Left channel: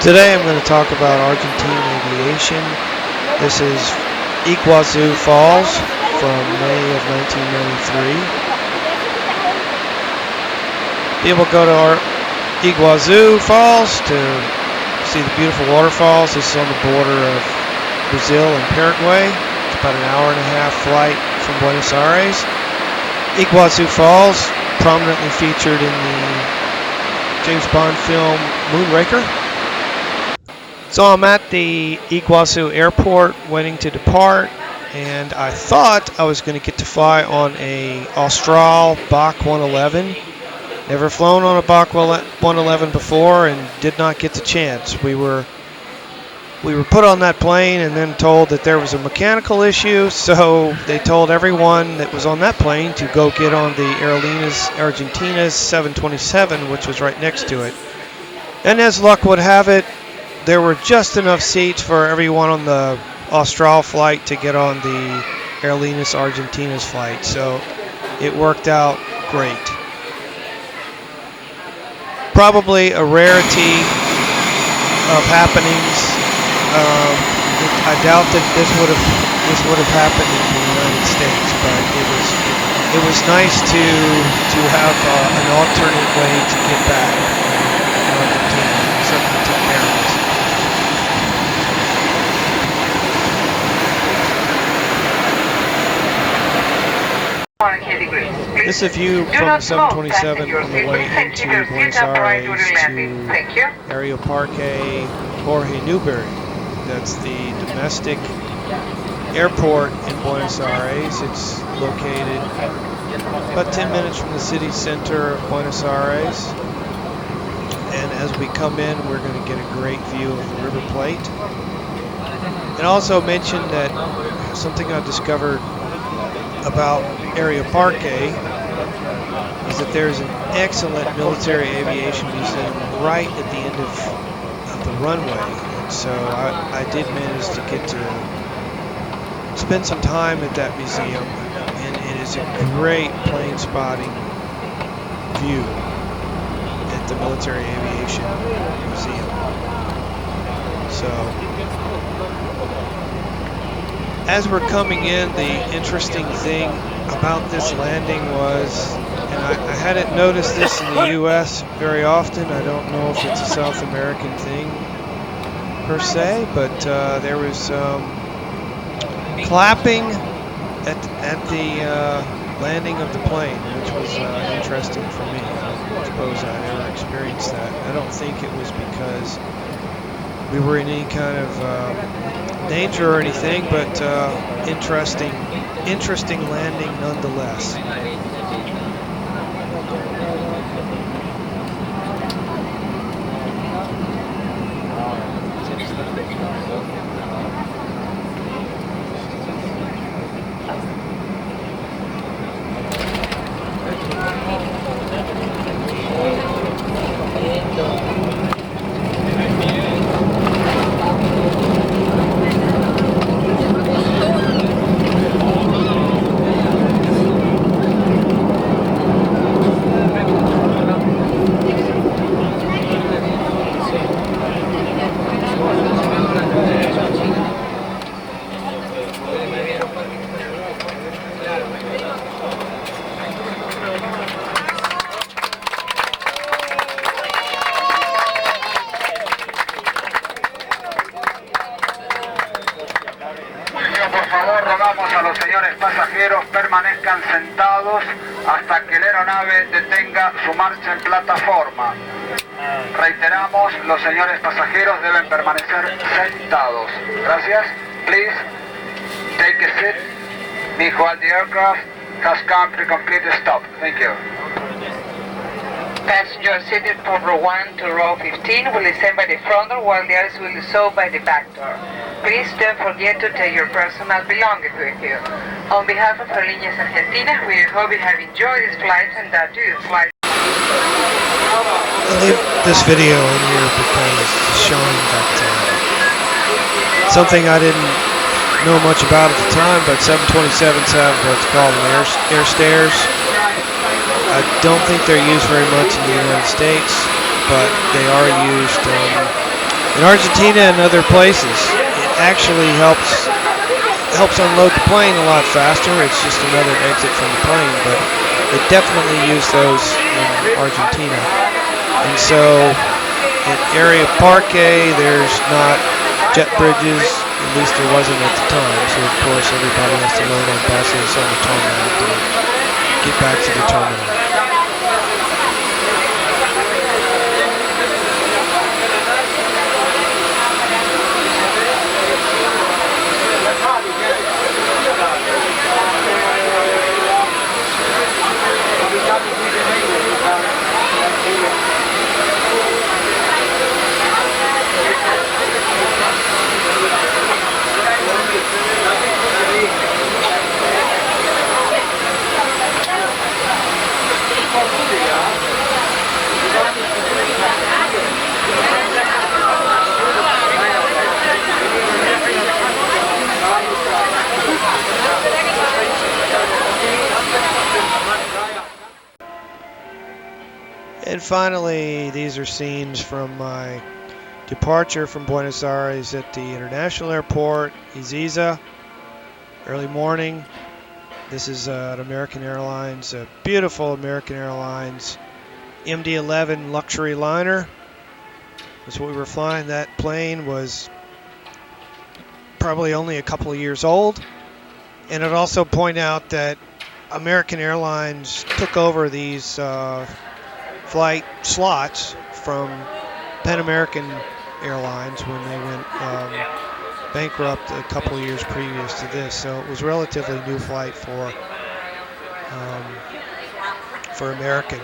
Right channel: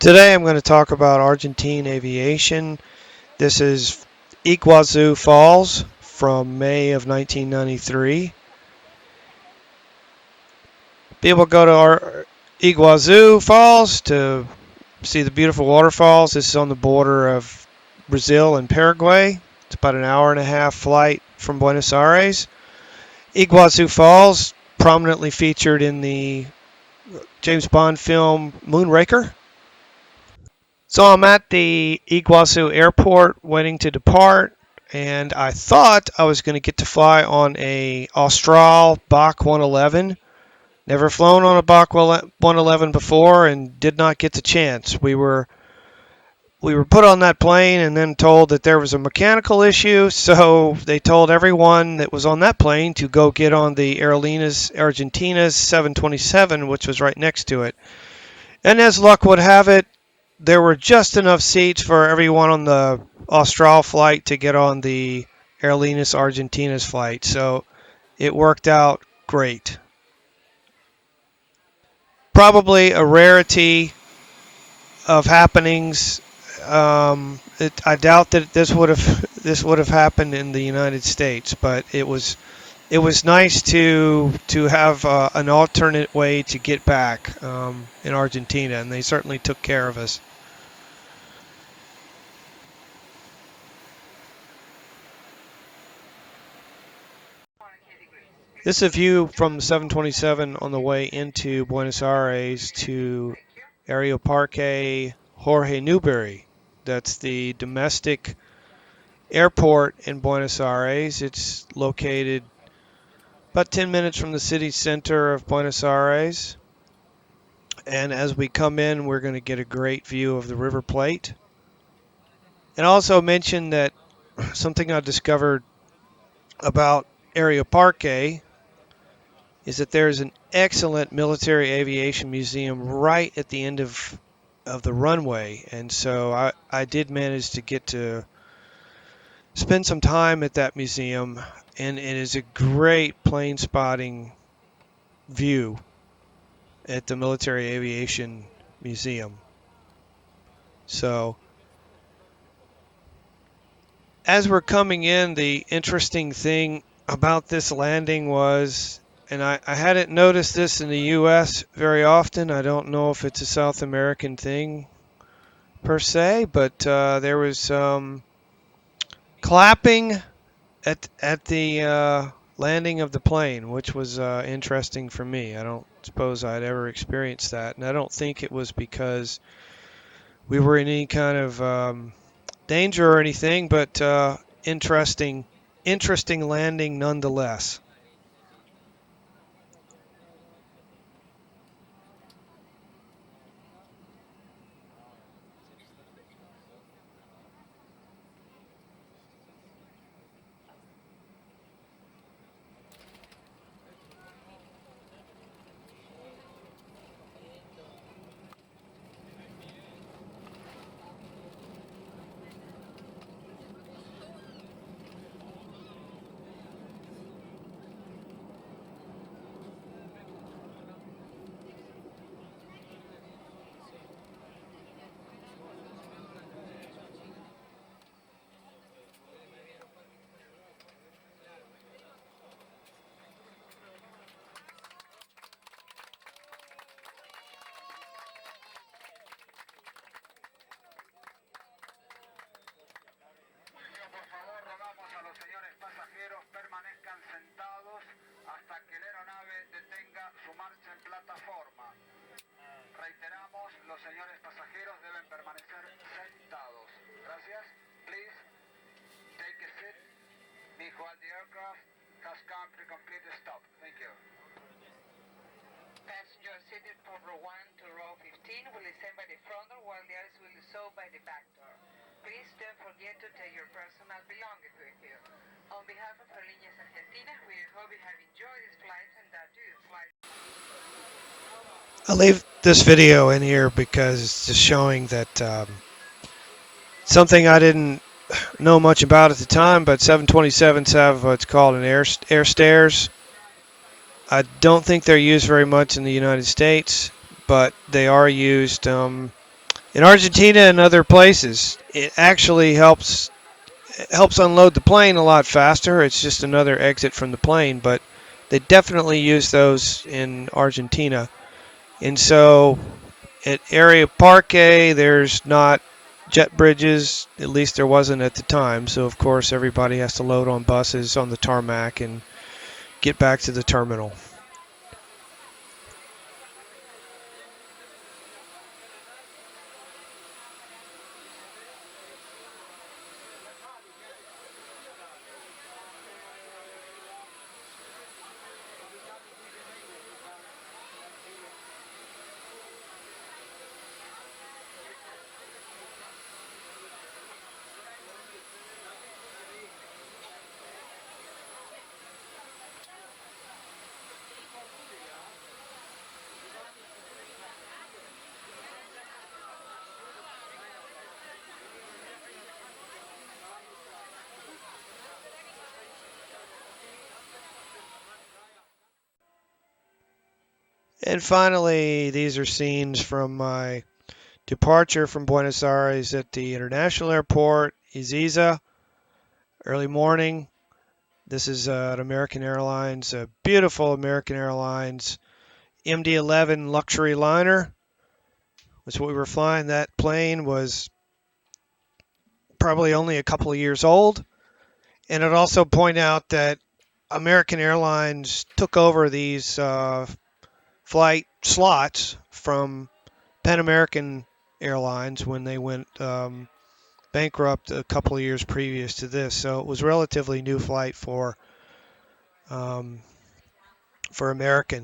Today I'm going to talk about Argentine aviation. This is Iguazu Falls from May of 1993. People go to our Iguazu Falls to see the beautiful waterfalls. This is on the border of Brazil and Paraguay. It's about an hour-and-a-half flight from Buenos Aires. Iguazu Falls, prominently featured in the James Bond film Moonraker. So I'm at the Iguazu airport waiting to depart, and I thought I was going to get to fly on a Austral Bach 111. Never flown on a Bach 111 before and did not get the chance. We were put on that plane and then told that there was a mechanical issue, so they told everyone that was on that plane to go get on the Aerolíneas Argentinas 727, which was right next to it. And as luck would have it, there were just enough seats for everyone on the Austral flight to get on the Aerolíneas Argentinas flight, so it worked out great. Probably a rarity of happenings. I doubt that this would have happened in the United States, but it was nice to have an alternate way to get back in Argentina, and they certainly took care of us. This is a view from 727 on the way into Buenos Aires to Aeroparque Jorge Newberry. That's the domestic airport in Buenos Aires. It's located about 10 minutes from the city center of Buenos Aires. And as we come in, we're going to get a great view of the River Plate. And also mention that something I discovered about Aeroparque is that there's an excellent military aviation museum right at the end of the runway, and so I did manage to get to spend some time at that museum, and it is a great plane spotting view at the Military Aviation Museum. So as we're coming in, the interesting thing about this landing was, and I hadn't noticed this in the U.S. very often. I don't know if it's a South American thing per se, but there was clapping at the landing of the plane, which was interesting for me. I don't suppose I'd ever experienced that. And I don't think it was because we were in any kind of danger or anything, but interesting landing nonetheless. Permanezcan sentados hasta que la aeronave detenga su marcha en plataforma. Reiteramos, los señores pasajeros deben permanecer sentados. Gracias. Please take a seat while the aircraft has come to complete stop. Thank you. Passengers seated from row 1 to row 15 will descend by the front door while the others will do so by the back door. Please don't forget to take your personal belongings with you. On behalf of Aerolíneas Argentinas, we hope you have enjoyed this flight and that you flight. I'll leave this video in here because it's showing that something I didn't know much about at the time, but 727s have what's called an air stairs. I don't think they're used very much in the United States, but they are used In Argentina and other places, it actually helps unload the plane a lot faster. It's just another exit from the plane, but they definitely use those in Argentina. And so at Aeroparque, there's not jet bridges, at least there wasn't at the time. So of course everybody has to load on buses on the tarmac and get back to the terminal. And finally, these are scenes from my departure from Buenos Aires at the international airport, Ezeiza, early morning. This is an American Airlines, a beautiful American Airlines MD-11 luxury liner. That's what we were flying. That plane was probably only a couple of years old. And I'd also point out that American Airlines took over these flight slots from Pan American Airlines when they went bankrupt a couple of years previous to this. So it was relatively new flight for American.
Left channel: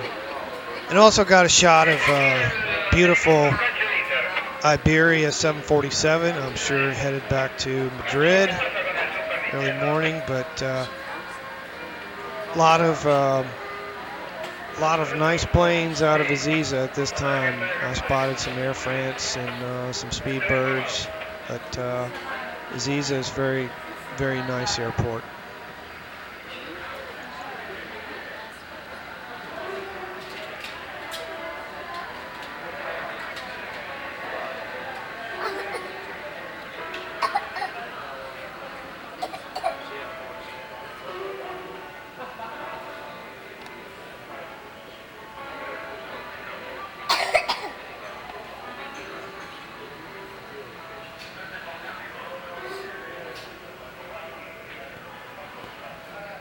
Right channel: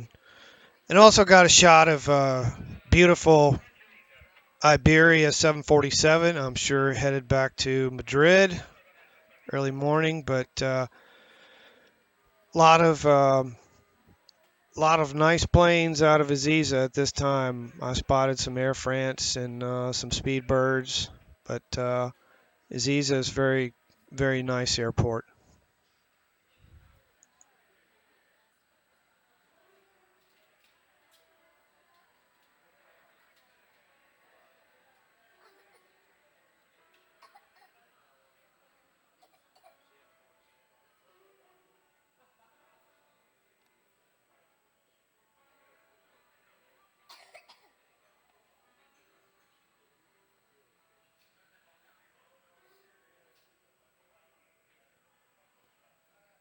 And also got a shot of beautiful Iberia 747. I'm sure headed back to Madrid early morning, but a lot of nice planes out of Ezeiza at this time. I spotted some Air France and some Speedbirds, but Ezeiza is very, very nice airport.